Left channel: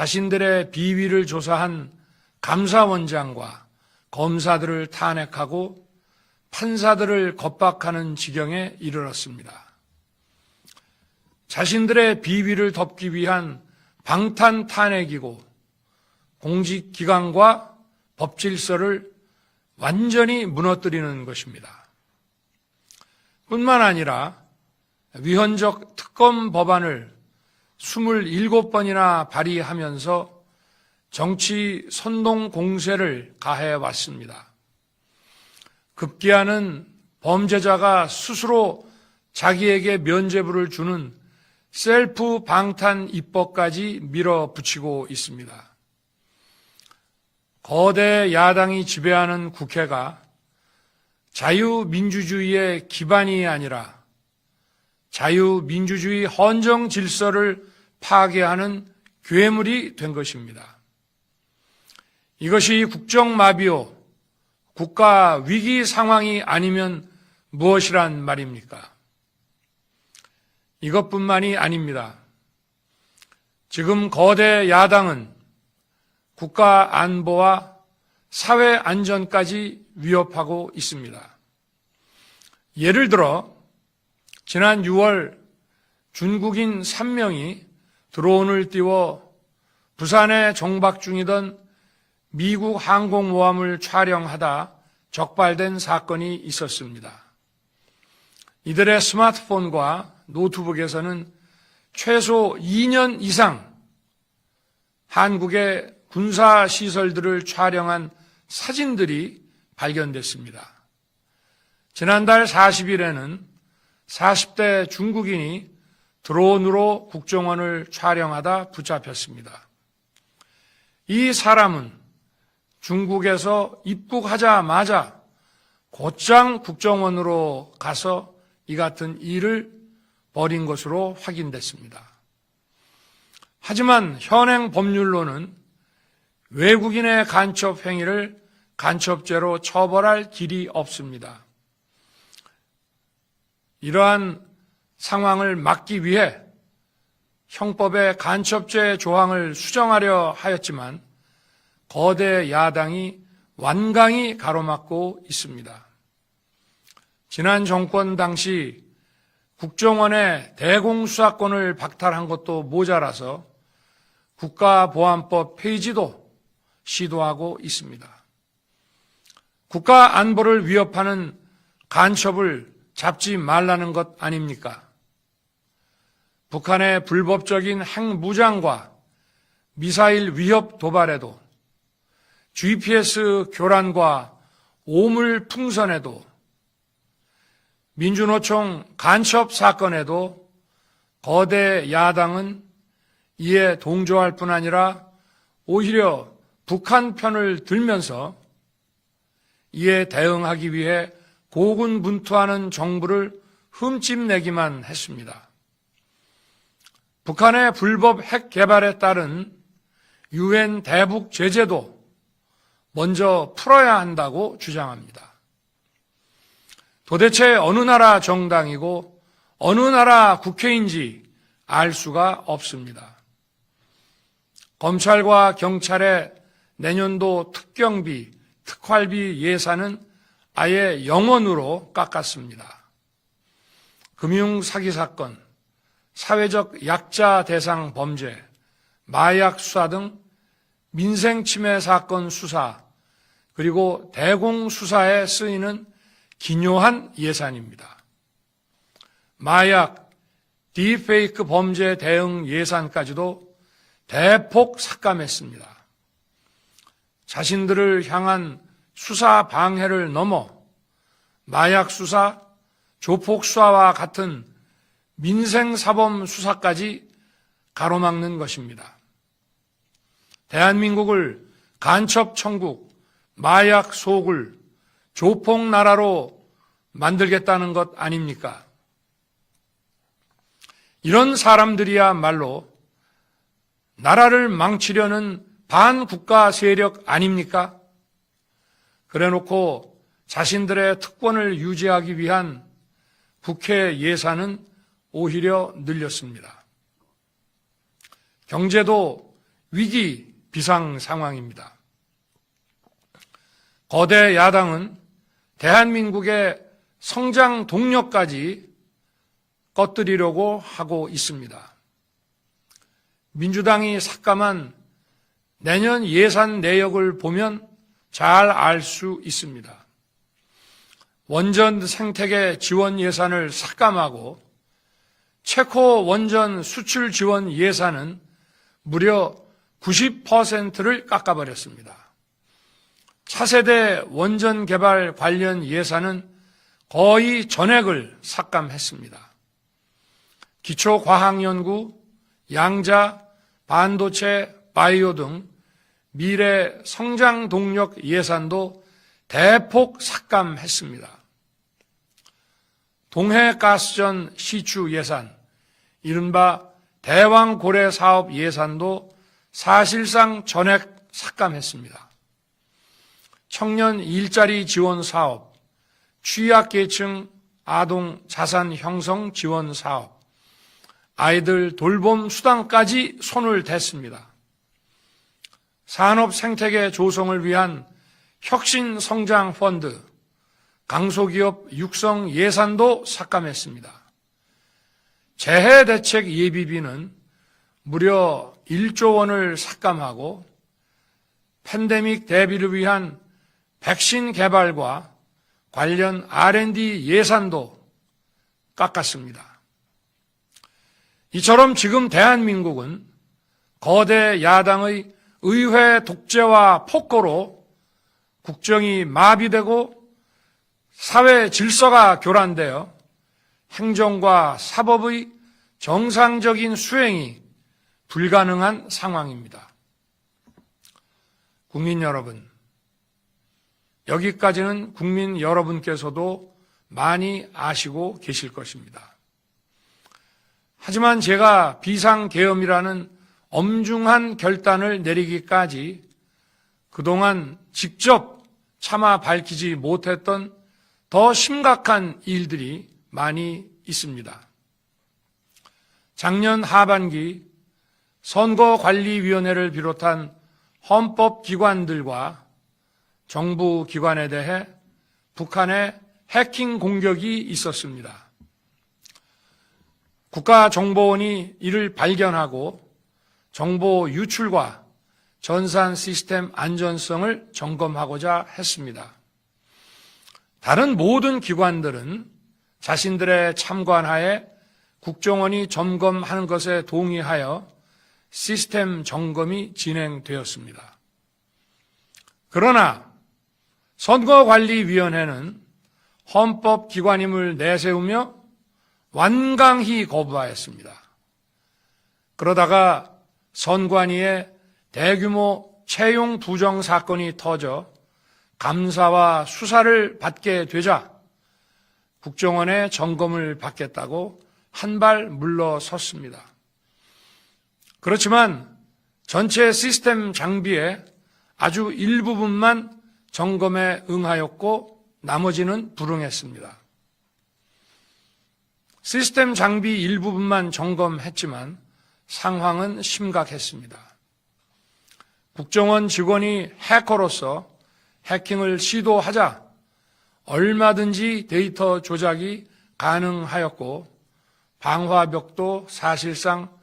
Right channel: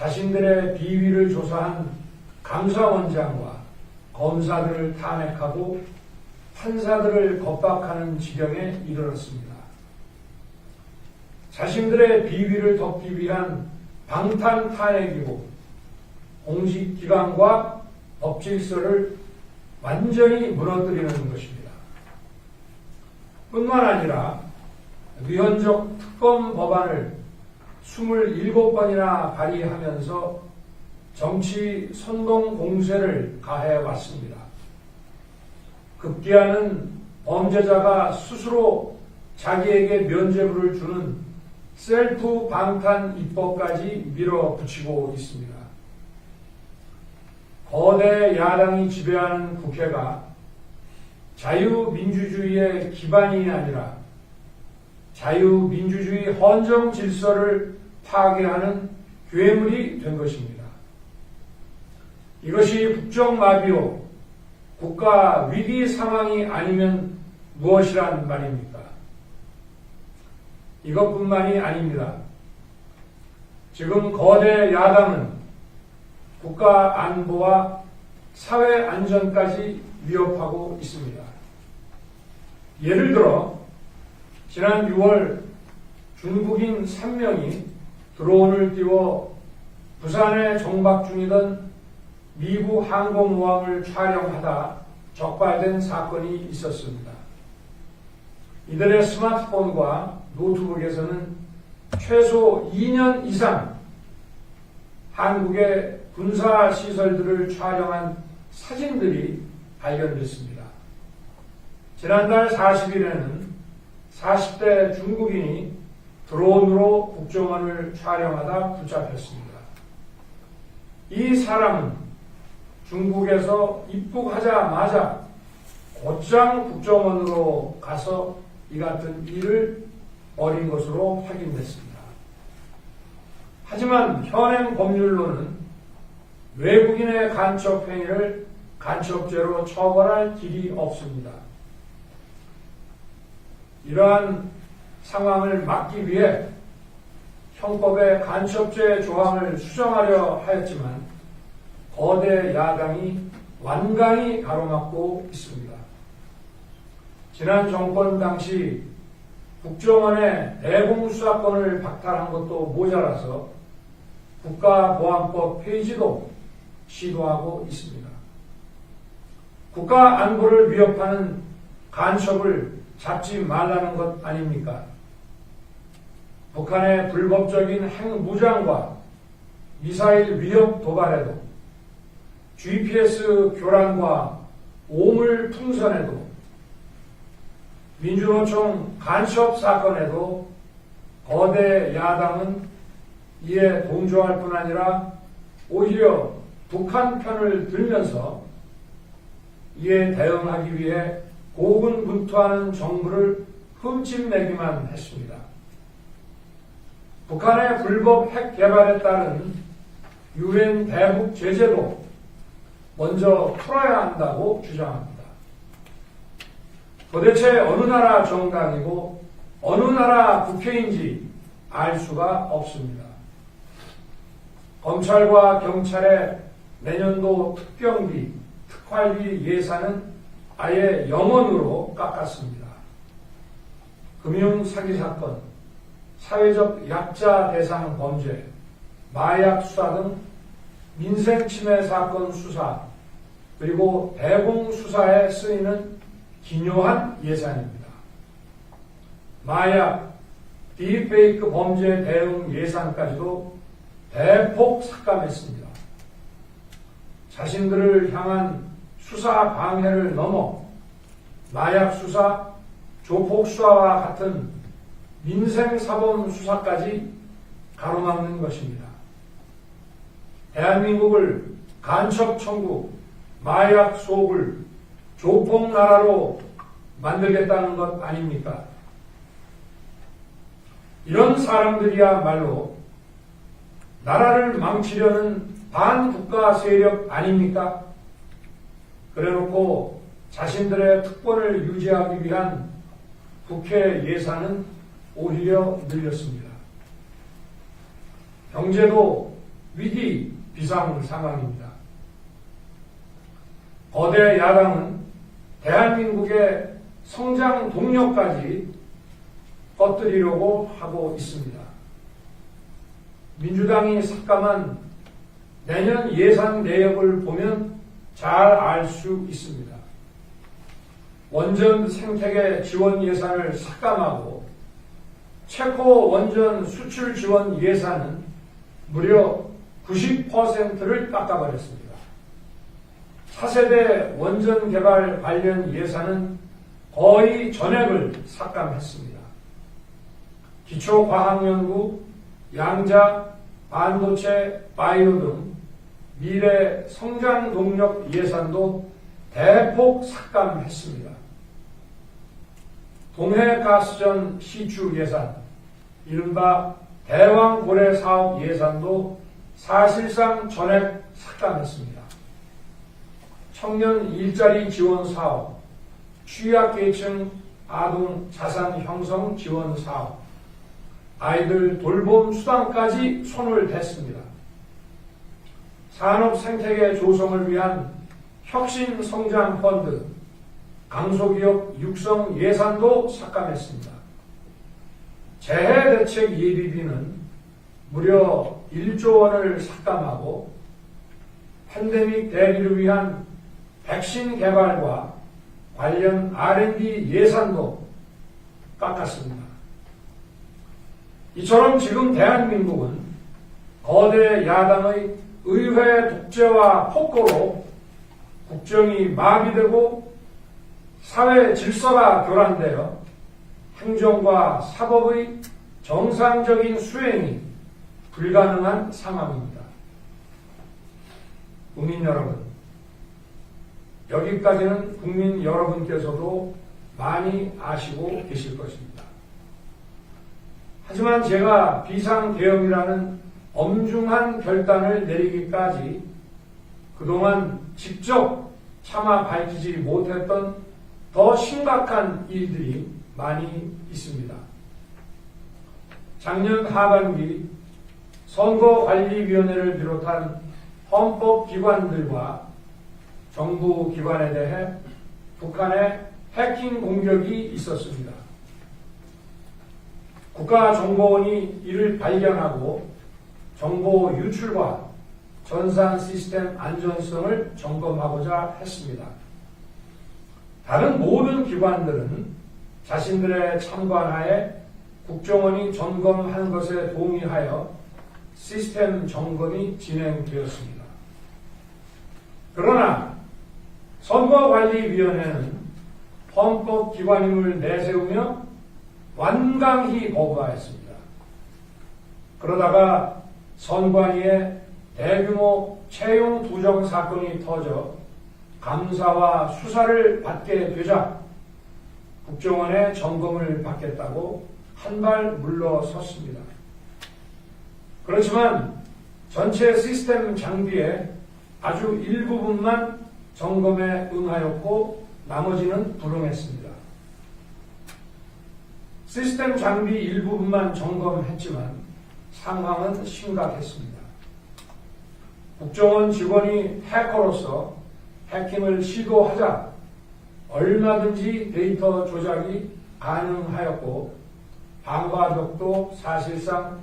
자신들의 비위를 조사한 감사원장과 검사들을 탄핵하고 판사들을 겁박하는 지경에 이르렀습니다. 자신들의 비위를 덮기 위한 방탄 탄핵이고 공직기관과 법질서를 완전히 무너뜨리는 것입니다. 뿐만 아니라 위헌적 특검 법안을 27번이나 발의하면서 정치 선동 공세를 가해왔습니다. 급기야는 범죄자가 스스로 자기에게 면죄부를 주는 셀프 방탄 입법까지 밀어붙이고 있습니다. 거대 야당이 지배하는 국회가 자유민주주의의 기반이 아니라 자유민주주의 헌정 질서를 파괴하는 괴물이 된 것입니다. 이것이 국정마비요, 국가 위기 상황이 아니면 무엇이란 말입니까? 이것뿐만이 아닙니다. 지금 거대 야당은 국가 안보와 사회 안전까지 위협하고 있습니다. 예를 들어 지난 6월 중국인 3명이 드론을 띄워 부산에 정박 중이던 미국 항공모함을 촬영하다 적발된 사건이 있었습니다. 이들의 스마트폰과 노트북에서는 최소 2년 이상 한국의 군사시설들을 촬영한 사진들이 발견됐습니다. 지난달 40일에는 40대 중국인이 드론으로 국정원을 촬영하다 붙잡혔습니다. 이 사람은 중국에서 입국하자마자 곧장 국정원으로 가서 이 같은 일을 벌인 것으로 확인됐습니다. 하지만 현행 법률로는 외국인의 간첩 행위를 간첩죄로 처벌할 길이 없습니다. 이러한 상황을 막기 위해 형법의 간첩죄 조항을 수정하려 하였지만 거대 야당이 완강히 가로막고 있습니다. 지난 정권 당시 국정원의 대공수사권을 박탈한 것도 모자라서 국가보안법 폐지도 시도하고 있습니다. 국가 안보를 위협하는 간첩을 잡지 말라는 것 아닙니까? 북한의 불법적인 핵무장과 미사일 위협 도발에도 GPS 교란과 오물 풍선에도 민주노총 간첩 사건에도 거대 야당은 이에 동조할 뿐 아니라 오히려 북한 편을 들면서 이에 대응하기 위해 고군분투하는 정부를 흠집내기만 했습니다. 북한의 불법 핵 개발에 따른 유엔 대북 제재도 먼저 풀어야 한다고 주장합니다. 도대체 어느 나라 정당이고 어느 나라 국회인지 알 수가 없습니다. 검찰과 경찰의 내년도 특경비, 특활비 예산은 아예 0원으로 깎았습니다. 금융사기 사건, 사회적 약자 대상 범죄, 마약 수사 등 민생침해 사건 수사, 그리고 대공수사에 쓰이는 기묘한 예산입니다. 마약, 딥페이크 범죄 대응 예산까지도 대폭 삭감했습니다. 자신들을 향한 수사 방해를 넘어 마약 수사, 조폭 수사와 같은 민생사범 수사까지 가로막는 것입니다. 대한민국을 간첩 천국, 마약 소굴, 조폭 나라로 만들겠다는 것 아닙니까? 이런 사람들이야말로 나라를 망치려는 반국가 세력 아닙니까? 그래놓고 자신들의 특권을 유지하기 위한 국회 예산은 오히려 늘렸습니다. 경제도 위기 비상 상황입니다. 거대 야당은 대한민국의 성장 동력까지 꺼뜨리려고 하고 있습니다. 민주당이 삭감한 내년 예산 내역을 보면 잘 알 수 있습니다. 원전 생태계 지원 예산을 삭감하고 체코 원전 수출 지원 예산은 무려 90%를 깎아버렸습니다. 차세대 원전 개발 관련 예산은 거의 전액을 삭감했습니다. 기초과학연구, 양자, 반도체, 바이오 등 미래 성장 동력 예산도 대폭 삭감했습니다. 동해가스전 시추 예산, 이른바 대왕고래 사업 예산도 사실상 전액 삭감했습니다. 청년 일자리 지원 사업, 취약계층 아동 자산 형성 지원 사업, 아이들 돌봄 수당까지 손을 댔습니다. 산업 생태계 조성을 위한 혁신 성장 펀드, 강소기업 육성 예산도 삭감했습니다. 재해 대책 예비비는 무려 1조 원을 삭감하고 팬데믹 대비를 위한 백신 개발과 관련 R&D 예산도 깎았습니다. 이처럼 지금 대한민국은 거대 야당의 의회 독재와 폭거로 국정이 마비되고 사회 질서가 교란되어 행정과 사법의 정상적인 수행이 불가능한 상황입니다. 국민 여러분, 여기까지는 국민 여러분께서도 많이 아시고 계실 것입니다. 하지만 제가 비상계엄이라는 엄중한 결단을 내리기까지 그동안 직접 차마 밝히지 못했던 더 심각한 일들이 많이 있습니다. 작년 하반기 선거관리위원회를 비롯한 헌법기관들과 정부 기관에 대해 북한의 해킹 공격이 있었습니다. 국가정보원이 이를 발견하고 정보 유출과 전산 시스템 안전성을 점검하고자 했습니다. 다른 모든 기관들은 자신들의 참관하에 국정원이 점검하는 것에 동의하여 시스템 점검이 진행되었습니다. 그러나 선거관리위원회는 헌법기관임을 내세우며 완강히 거부하였습니다. 그러다가 선관위에 대규모 채용 부정 사건이 터져 감사와 수사를 받게 되자 국정원의 점검을 받겠다고 한 발 물러섰습니다. 그렇지만 전체 시스템 장비의 아주 일부분만 점검에 응하였고 나머지는 불응했습니다. 시스템 장비 일부분만 점검했지만 상황은 심각했습니다. 국정원 직원이 해커로서 해킹을 시도하자 얼마든지 데이터 조작이 가능하였고 방화벽도 사실상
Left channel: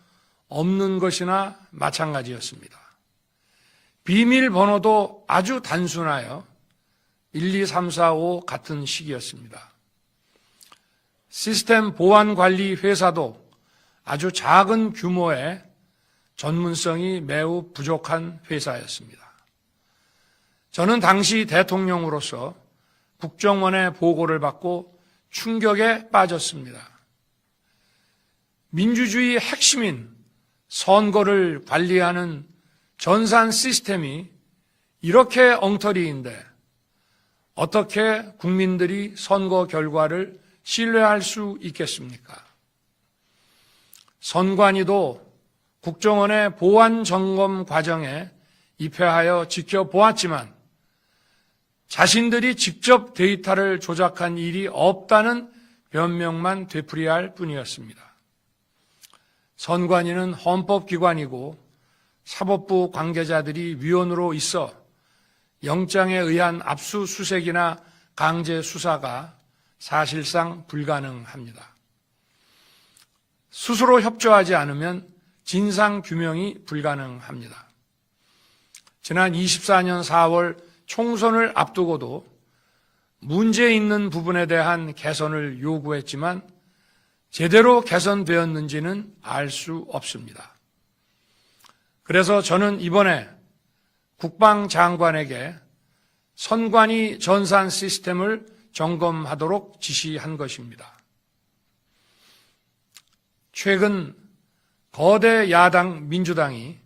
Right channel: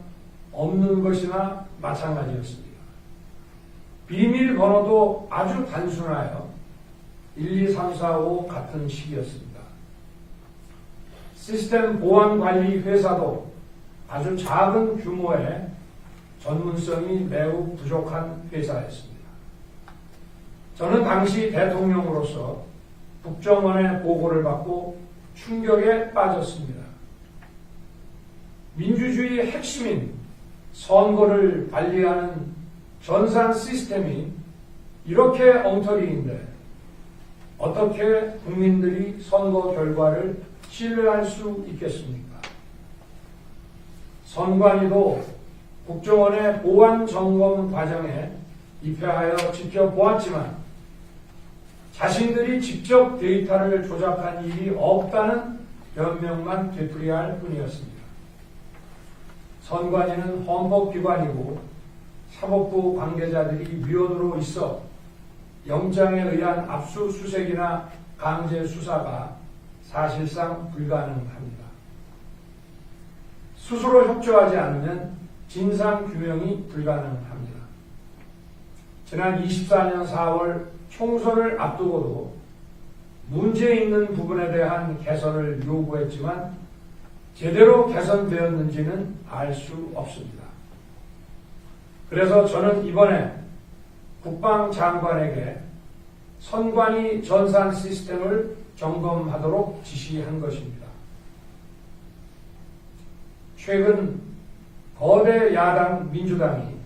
없는 것이나 마찬가지였습니다. 비밀번호도 아주 단순하여 1, 2, 3, 4, 5 같은 식이었습니다. 시스템 보안관리 회사도 아주 작은 규모의 전문성이 매우 부족한 회사였습니다. 저는 당시 대통령으로서 국정원의 보고를 받고 충격에 빠졌습니다. 민주주의의 핵심인 선거를 관리하는 전산 시스템이 이렇게 엉터리인데 어떻게 국민들이 선거 결과를 신뢰할 수 있겠습니까? 선관위도 국정원의 보안 점검 과정에 입회하여 지켜보았지만 자신들이 직접 데이터를 조작한 일이 없다는 변명만 되풀이할 뿐이었습니다. 선관위는 헌법기관이고 사법부 관계자들이 위원으로 있어 영장에 의한 압수수색이나 강제 수사가 사실상 불가능합니다. 스스로 협조하지 않으면 진상규명이 불가능합니다. 지난 24년 4월 총선을 앞두고도 문제 있는 부분에 대한 개선을 요구했지만 제대로 개선되었는지는 알 수 없습니다. 그래서 저는 이번에 국방장관에게 선관위 전산 시스템을 점검하도록 지시한 것입니다. 최근 거대 야당 민주당이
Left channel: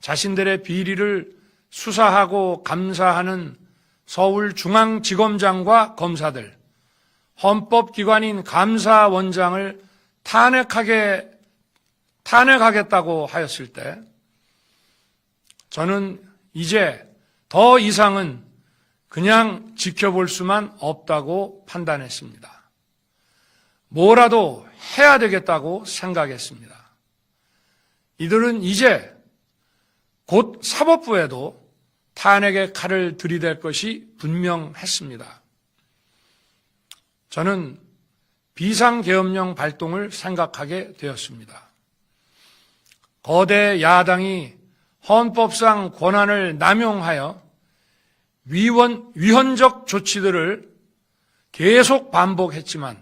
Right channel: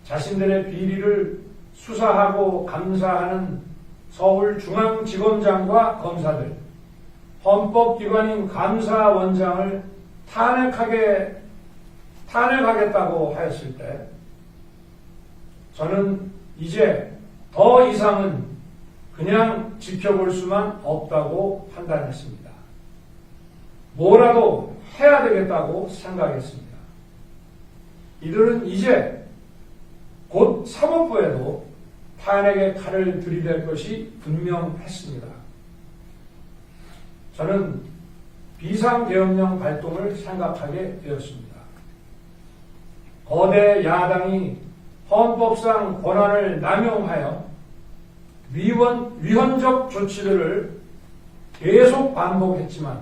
자신들의 비리를 수사하고 감사하는 서울중앙지검장과 검사들, 헌법기관인 감사원장을 탄핵하겠다고 하였을 때 저는 이제 더 이상은 그냥 지켜볼 수만 없다고 판단했습니다. 뭐라도 해야 되겠다고 생각했습니다. 이들은 이제 곧 사법부에도 탄핵의 칼을 들이댈 것이 분명했습니다. 저는 비상계엄령 발동을 생각하게 되었습니다. 거대 야당이 헌법상 권한을 남용하여 위헌적 조치들을 계속 반복했지만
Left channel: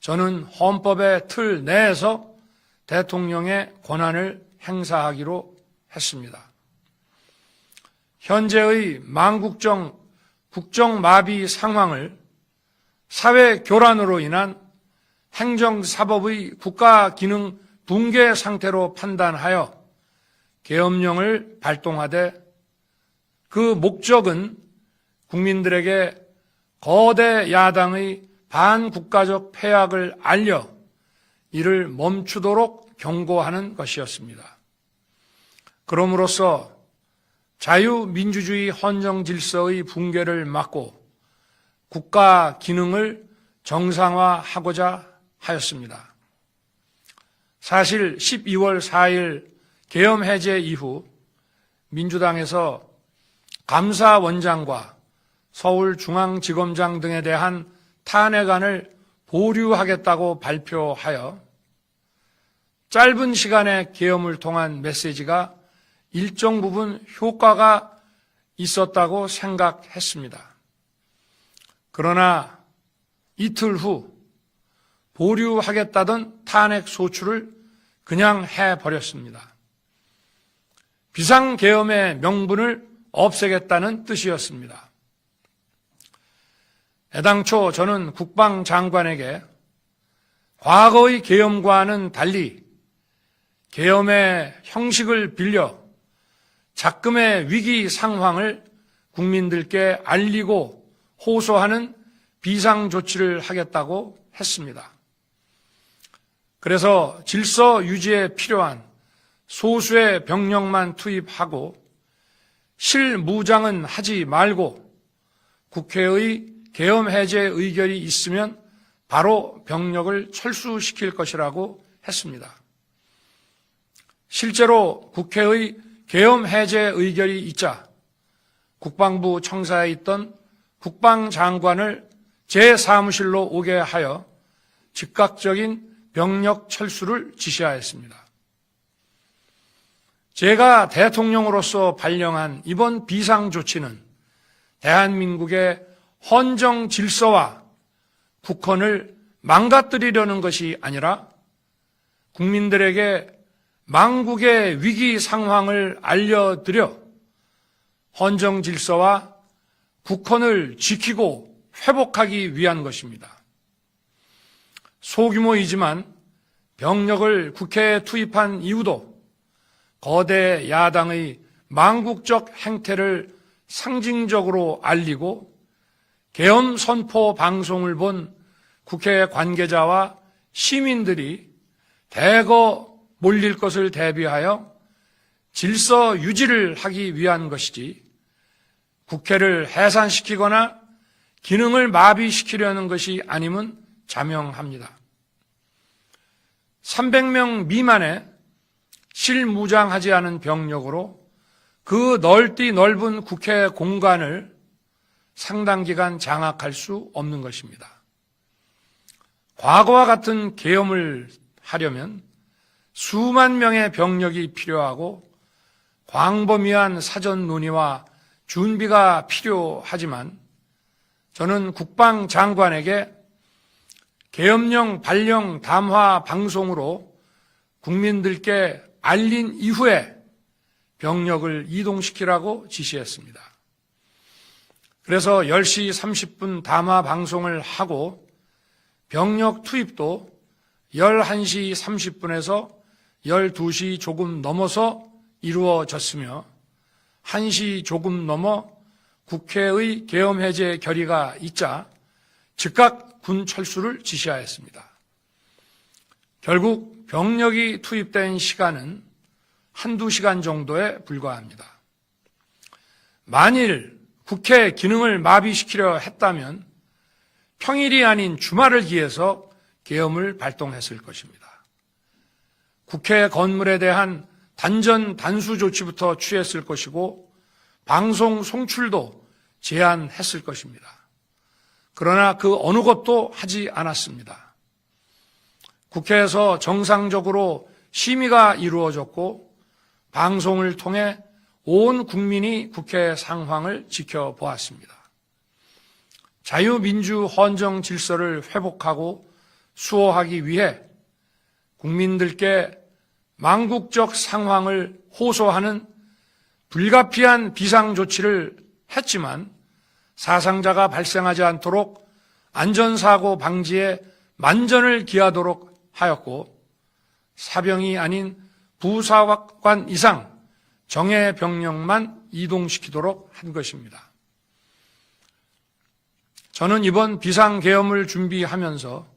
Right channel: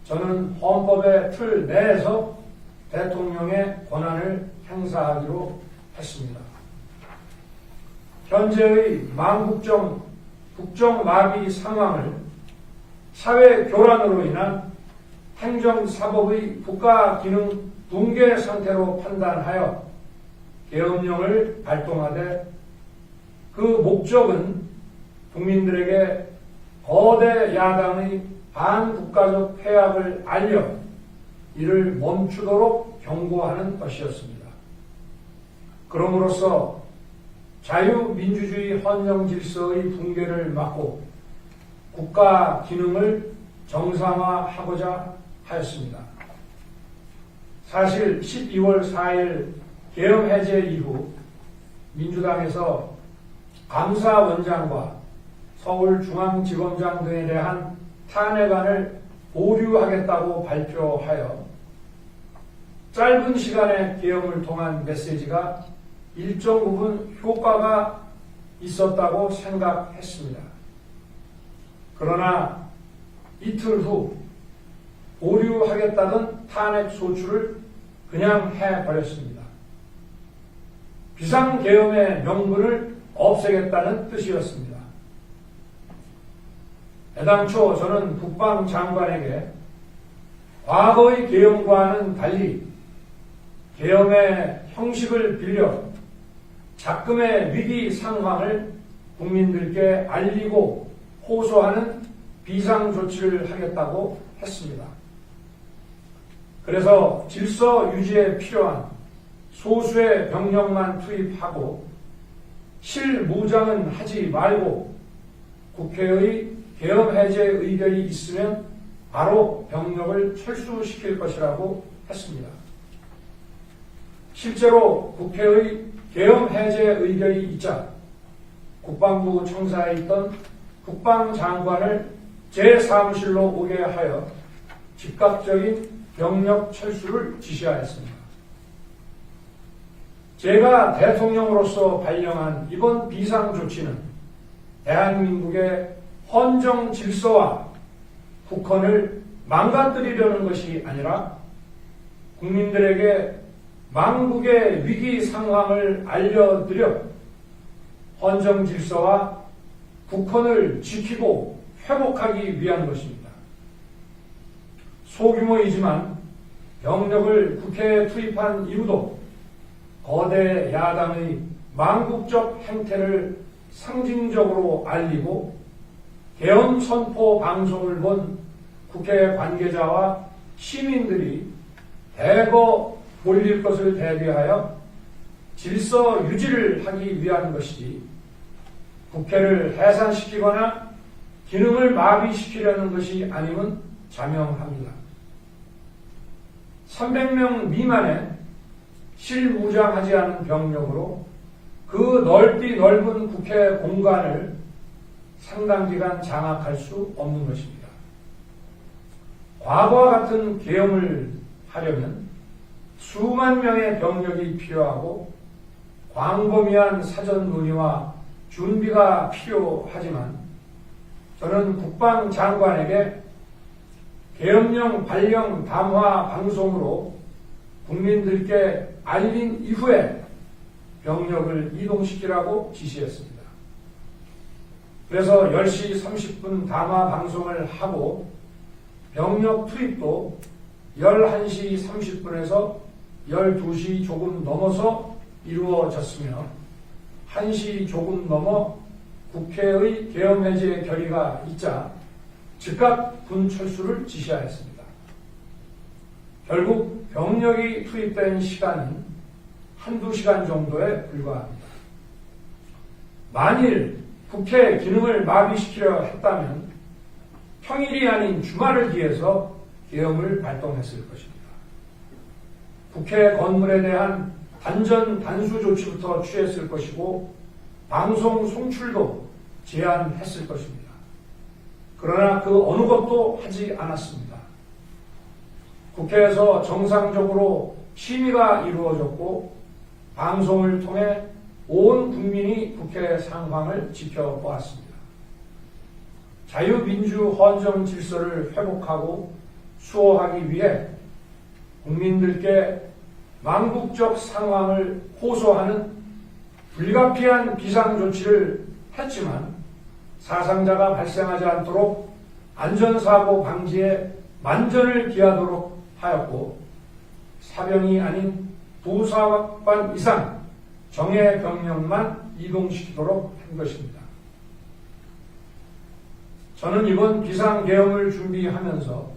저는 헌법의 틀 내에서 대통령의 권한을 행사하기로 했습니다. 현재의 망국정 국정마비 상황을 사회 교란으로 인한 행정사법의 국가기능 붕괴 상태로 판단하여 계엄령을 발동하되 그 목적은 국민들에게 거대 야당의 반국가적 폐악을 알려 이를 멈추도록 경고하는 것이었습니다. 그럼으로써 자유민주주의 헌정질서의 붕괴를 막고 국가 기능을 정상화하고자 하였습니다. 사실 12월 4일 계엄 해제 이후 민주당에서 감사원장과 서울중앙지검장 등에 대한 탄핵안을 보류하겠다고 발표하여 짧은 시간의 계엄을 통한 메시지가 일정 부분 효과가 있었다고 생각했습니다. 그러나 이틀 후 보류하겠다던 탄핵 소추를 그냥 해버렸습니다. 비상계엄의 명분을 없애겠다는 뜻이었습니다. 애당초 저는 국방장관에게 과거의 계엄과는 달리 계엄의 형식을 빌려 작금의 위기 상황을 국민들께 알리고 호소하는 비상조치를 하겠다고 했습니다. 그래서 질서 유지에 필요한 소수의 병력만 투입하고 실무장은 하지 말고 국회의 계엄 해제 의결이 있으면 바로 병력을 철수시킬 것이라고 했습니다. 실제로 국회의 계엄 해제 의결이 있자 국방부 청사에 있던 국방장관을 제 사무실로 오게 하여 즉각적인 병력 철수를 지시하였습니다. 제가 대통령으로서 발령한 이번 비상조치는 대한민국의 헌정 질서와 국헌을 망가뜨리려는 것이 아니라 국민들에게 망국의 위기 상황을 알려드려 헌정 질서와 국헌을 지키고 회복하기 위한 것입니다. 소규모이지만 병력을 국회에 투입한 이유도 거대 야당의 망국적 행태를 상징적으로 알리고 계엄 선포 방송을 본 국회 관계자와 시민들이 대거 몰릴 것을 대비하여 질서 유지를 하기 위한 것이지 국회를 해산시키거나 기능을 마비시키려는 것이 아님은 자명합니다. 300명 미만의 실무장하지 않은 병력으로 그 넓디 넓은 국회 공간을 상당 기간 장악할 수 없는 것입니다. 과거와 같은 계엄을 하려면 수만 명의 병력이 필요하고 광범위한 사전 논의와 준비가 필요하지만 저는 국방장관에게 계엄령 발령 담화 방송으로 국민들께 알린 이후에 병력을 이동시키라고 지시했습니다. 그래서 10시 30분 담화 방송을 하고 병력 투입도 11시 30분에서 12시 조금 넘어서 이루어졌으며 1시 조금 넘어 국회의 계엄 해제 결의가 있자 즉각 군 철수를 지시하였습니다. 결국 병력이 투입된 시간은 한두 시간 정도에 불과합니다. 만일 국회 기능을 마비시키려 했다면 평일이 아닌 주말을 기해서 계엄을 발동했을 것입니다. 국회 건물에 대한 단전 단수 조치부터 취했을 것이고 방송 송출도 제한했을 것입니다. 그러나 그 어느 것도 하지 않았습니다. 국회에서 정상적으로 심의가 이루어졌고 방송을 통해 온 국민이 국회 상황을 지켜보았습니다. 자유민주 헌정 질서를 회복하고 수호하기 위해 국민들께 망국적 상황을 호소하는 불가피한 비상조치를 했지만 사상자가 발생하지 않도록 안전사고 방지에 만전을 기하도록 하였고 사병이 아닌 부사관 이상 정예 병력만 이동시키도록 한 것입니다. 저는 이번 비상계엄을 준비하면서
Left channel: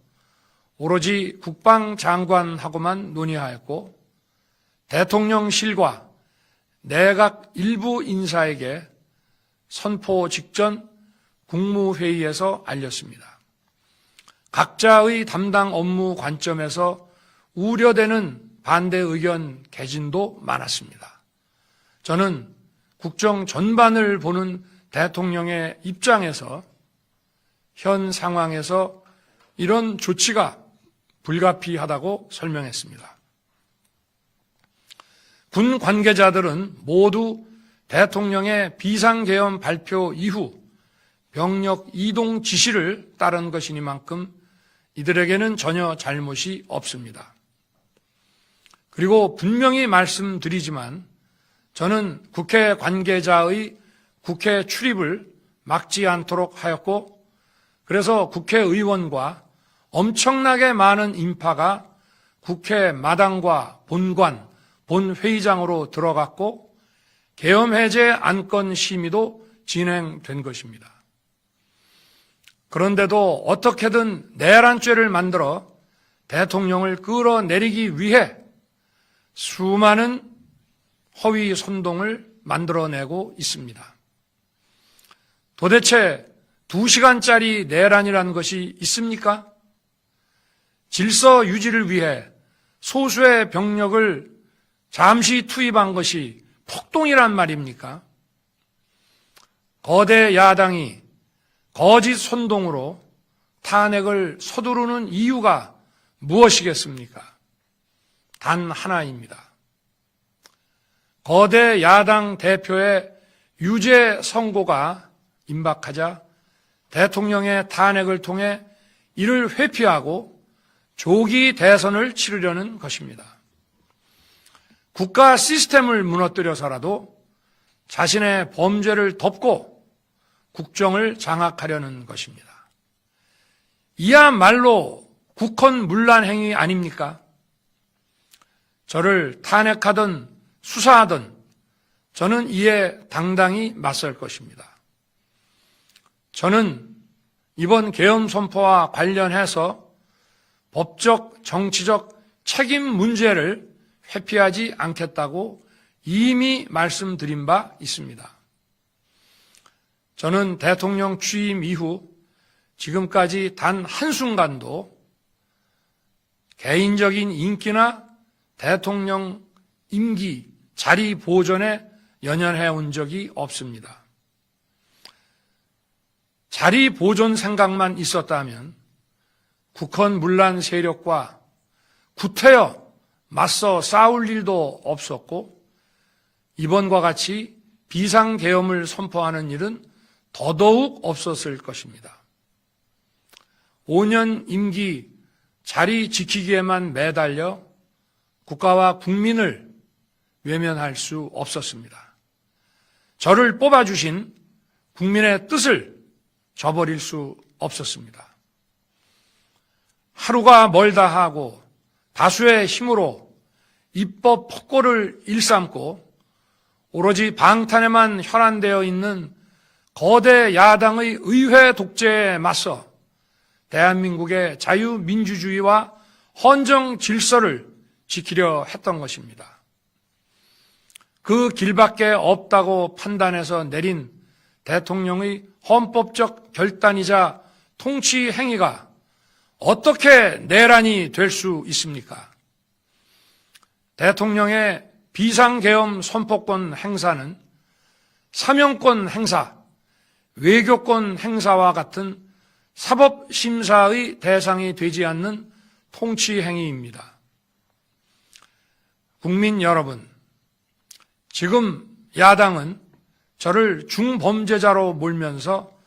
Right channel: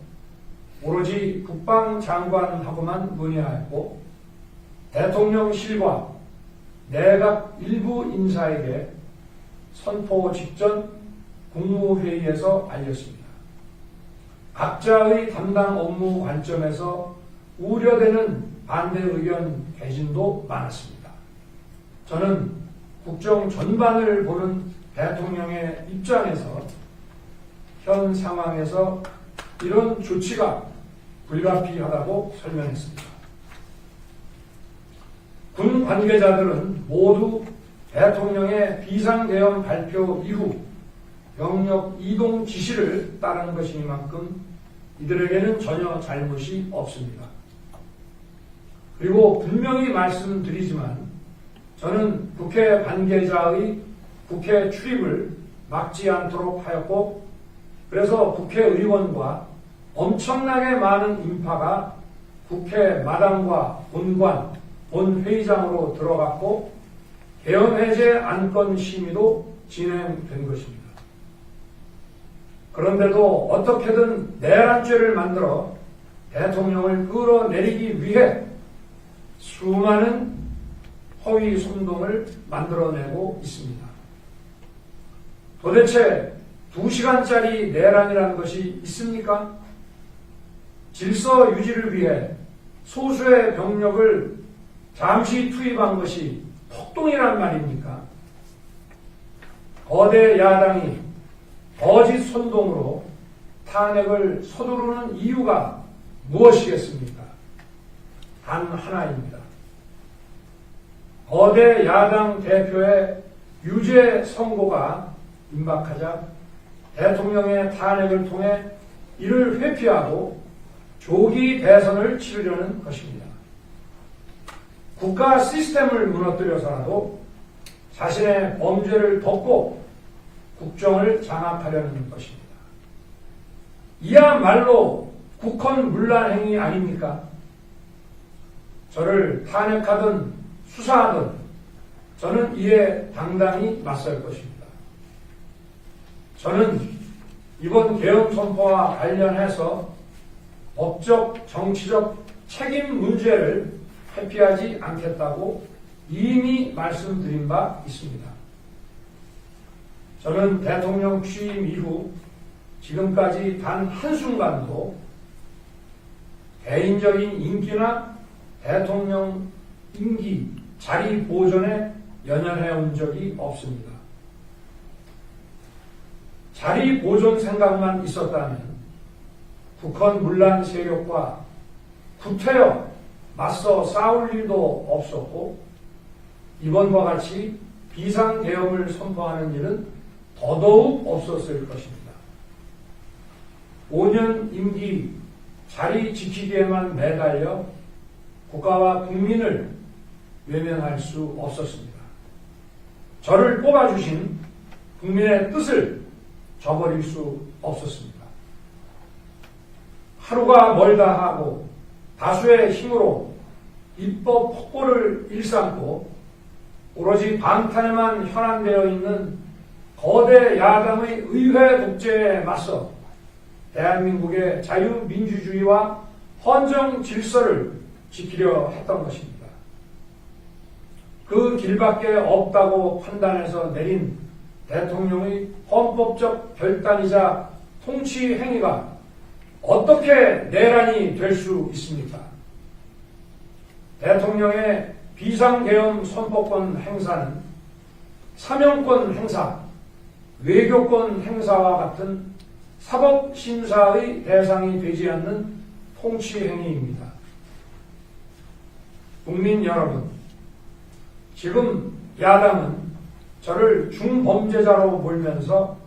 오로지 국방장관하고만 논의하였고 대통령실과 내각 일부 인사에게 선포 직전 국무회의에서 알렸습니다. 각자의 담당 업무 관점에서 우려되는 반대 의견 개진도 많았습니다. 저는 국정 전반을 보는 대통령의 입장에서 현 상황에서 이런 조치가 불가피하다고 설명했습니다. 군 관계자들은 모두 대통령의 비상계엄 발표 이후 병력 이동 지시를 따른 것이니만큼 이들에게는 전혀 잘못이 없습니다. 그리고 분명히 말씀드리지만 저는 국회 관계자의 국회 출입을 막지 않도록 하였고 그래서 국회의원과 엄청나게 많은 인파가 국회 마당과 본관, 본회의장으로 들어갔고 계엄해제 안건 심의도 진행된 것입니다. 그런데도 어떻게든 내란죄를 만들어 대통령을 끌어내리기 위해 수많은 허위 선동을 만들어내고 있습니다. 도대체 2시간짜리 내란이라는 것이 있습니까? 질서 유지를 위해 소수의 병력을 잠시 투입한 것이 폭동이란 말입니까? 거대 야당이 거짓 선동으로 탄핵을 서두르는 이유가 무엇이겠습니까? 단 하나입니다. 거대 야당 대표의 유죄 선고가 임박하자 대통령의 탄핵을 통해 이를 회피하고 조기 대선을 치르려는 것입니다. 국가 시스템을 무너뜨려서라도 자신의 범죄를 덮고 국정을 장악하려는 것입니다. 이야말로 국헌문란 행위 아닙니까? 저를 탄핵하든 수사하든 저는 이에 당당히 맞설 것입니다. 저는 이번 계엄 선포와 관련해서 법적, 정치적 책임 문제를 회피하지 않겠다고 이미 말씀드린 바 있습니다. 저는 대통령 취임 이후 지금까지 단 한순간도 개인적인 인기나 대통령 임기, 자리 보존에 연연해 온 적이 없습니다. 자리 보존 생각만 있었다면 국헌 문란 세력과 구태여 맞서 싸울 일도 없었고 이번과 같이 비상계엄을 선포하는 일은 더더욱 없었을 것입니다. 5년 임기 자리 지키기에만 매달려 국가와 국민을 외면할 수 없었습니다. 저를 뽑아주신 국민의 뜻을 저버릴 수 없었습니다. 하루가 멀다 하고 다수의 힘으로 입법 폭고를 일삼고 오로지 방탄에만 현안되어 있는 거대 야당의 의회 독재에 맞서 대한민국의 자유민주주의와 헌정 질서를 지키려 했던 것입니다. 그 길밖에 없다고 판단해서 내린 대통령의 헌법적 결단이자 통치 행위가 어떻게 내란이 될 수 있습니까? 대통령의 비상계엄 선포권 행사는 사명권 행사, 외교권 행사와 같은 사법심사의 대상이 되지 않는 통치 행위입니다. 국민 여러분, 지금 야당은 저를 중범죄자로 몰면서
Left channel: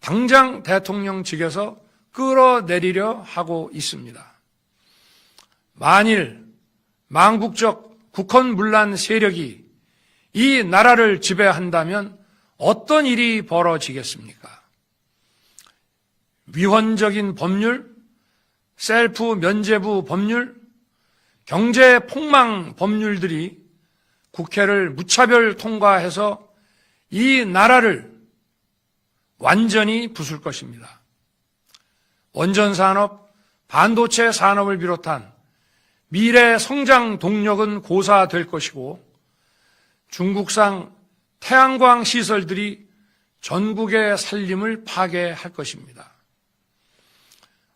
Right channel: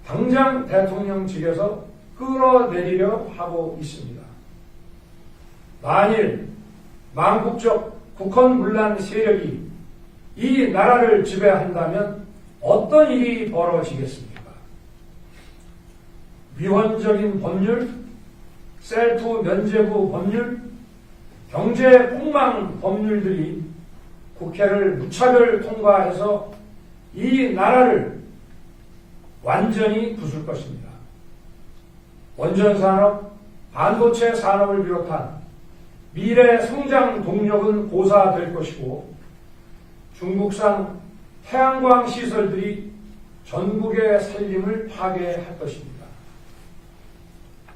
당장 대통령직에서 끌어내리려 하고 있습니다. 만일 망국적 국헌 문란 세력이 이 나라를 지배한다면 어떤 일이 벌어지겠습니까? 위헌적인 법률, 셀프 면죄부 법률, 경제 폭망 법률들이 국회를 무차별 통과해서 이 나라를 완전히 부술 것입니다. 원전산업, 반도체 산업을 비롯한 미래 성장 동력은 고사될 것이고 중국산 태양광 시설들이 전국의 살림을 파괴할 것입니다.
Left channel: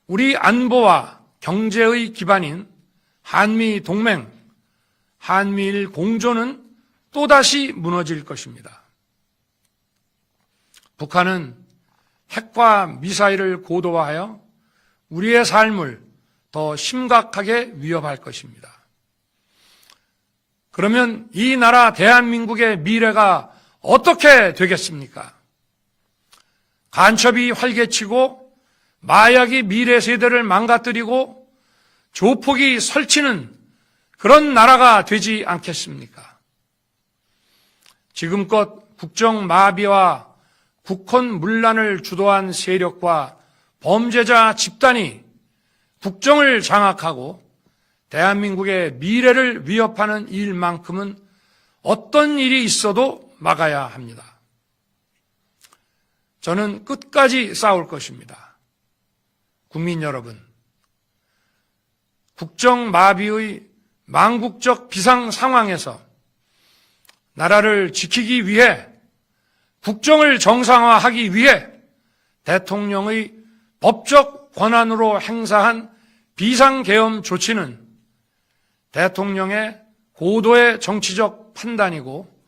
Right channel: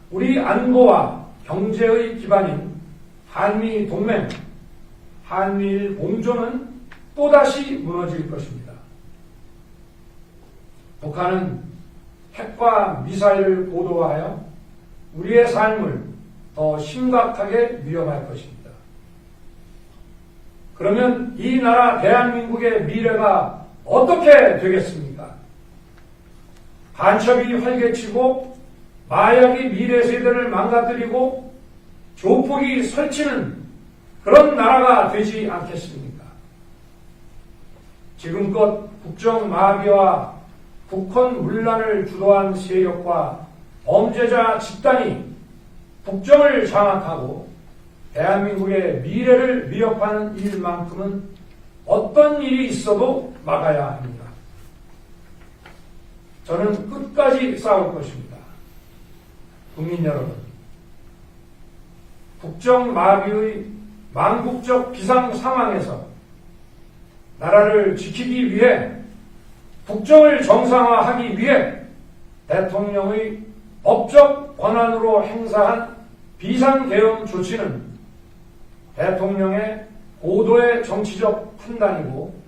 우리 안보와 경제의 기반인 한미 동맹, 한미일 공조는 또다시 무너질 것입니다. 북한은 핵과 미사일을 고도화하여 우리의 삶을 더 심각하게 위협할 것입니다. 그러면 이 나라 대한민국의 미래가 어떻게 되겠습니까? 간첩이 활개치고 마약이 미래 세대를 망가뜨리고 조폭이 설치는 그런 나라가 되지 않겠습니까? 지금껏 국정마비와 국헌 문란을 주도한 세력과 범죄자 집단이 국정을 장악하고 대한민국의 미래를 위협하는 일만큼은 어떤 일이 있어도 막아야 합니다. 저는 끝까지 싸울 것입니다. 국민 여러분, 국정마비의 망국적 비상 상황에서 나라를 지키기 위해 국정을 정상화하기 위해 대통령의 법적 권한으로 행사한 비상계엄 조치는 대통령의 고도의 정치적 판단이고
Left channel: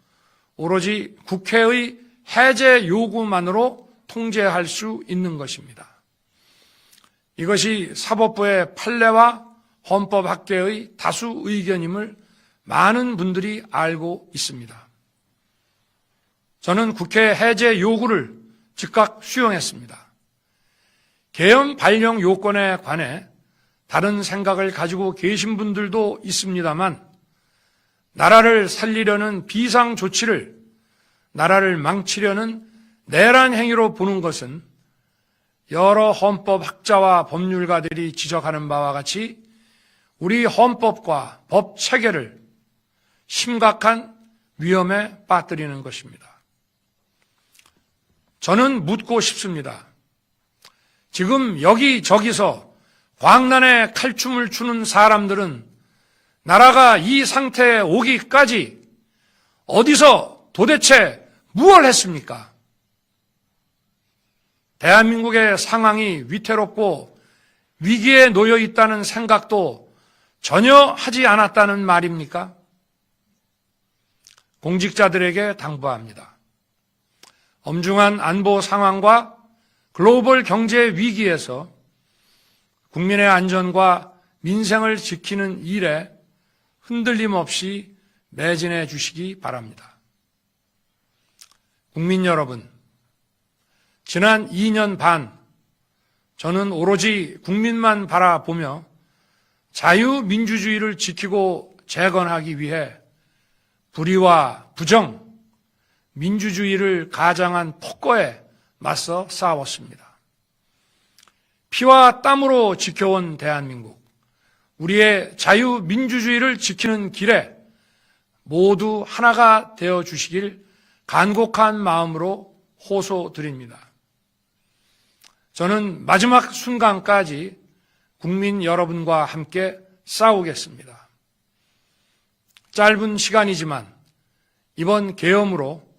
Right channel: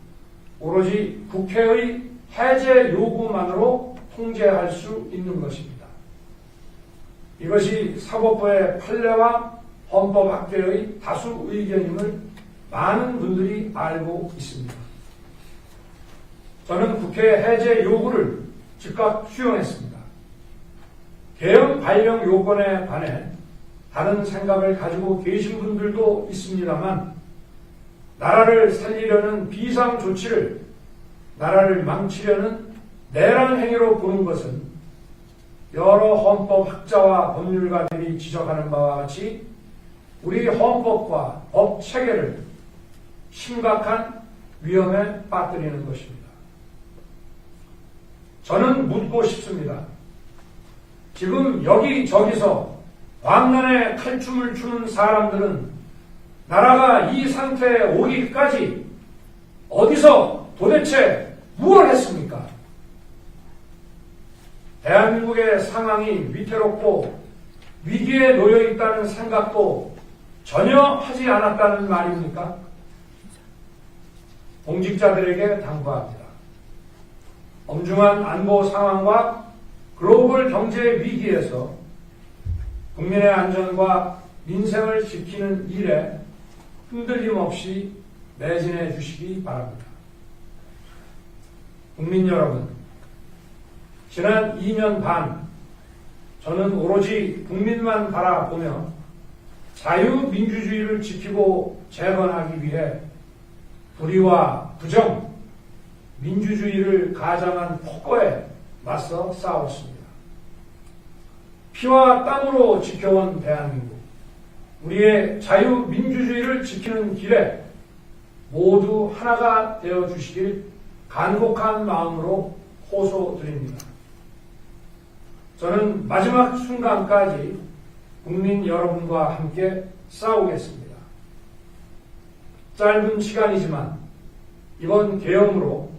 오로지 국회의 해제 요구만으로 통제할 수 있는 것입니다. 이것이 사법부의 판례와 헌법학계의 다수 의견임을 많은 분들이 알고 있습니다. 저는 국회 해제 요구를 즉각 수용했습니다. 계엄 발령 요건에 관해 다른 생각을 가지고 계신 분들도 있습니다만 나라를 살리려는 비상 조치를 나라를 망치려는 내란 행위로 보는 것은 여러 헌법학자와 법률가들이 지적하는 바와 같이 우리 헌법과 법 체계를 심각한 위험에 빠뜨리는 것입니다. 저는 묻고 싶습니다. 지금 여기저기서 광란에 칼춤을 추는 사람들은 나라가 이 상태에 오기까지 어디서 도대체 무엇을 했습니까? 대한민국의 상황이 위태롭고 위기에 놓여 있다는 생각도 전혀 하지 않았다는 말입니까? 공직자들에게 당부합니다. 엄중한 안보 상황과 글로벌 경제 위기에서 국민의 안전과 민생을 지키는 일에 흔들림 없이 매진해 주시기 바랍니다. 국민 여러분, 지난 2년 반 저는 오로지 국민만 바라보며 자유민주주의를 지키고 재건하기 위해 불의와 부정, 민주주의를 가장한 폭거에 맞서 싸웠습니다. 피와 땀으로 지켜온 대한민국, 우리의 자유민주주의를 지키는 길에 모두 하나가 되어 주시길 간곡한 마음으로 호소드립니다. 저는 마지막 순간까지 국민 여러분과 함께 싸우겠습니다. 짧은 시간이지만 이번 계엄으로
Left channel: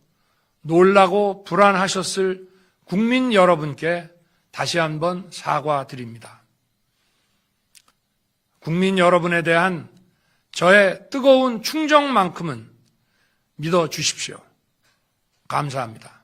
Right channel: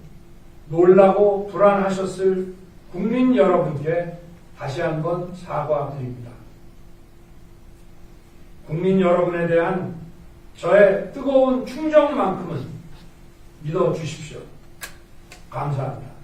놀라고 불안하셨을 국민 여러분께 다시 한번 사과드립니다. 국민 여러분에 대한 저의 뜨거운 충정만큼은 믿어 주십시오. 감사합니다.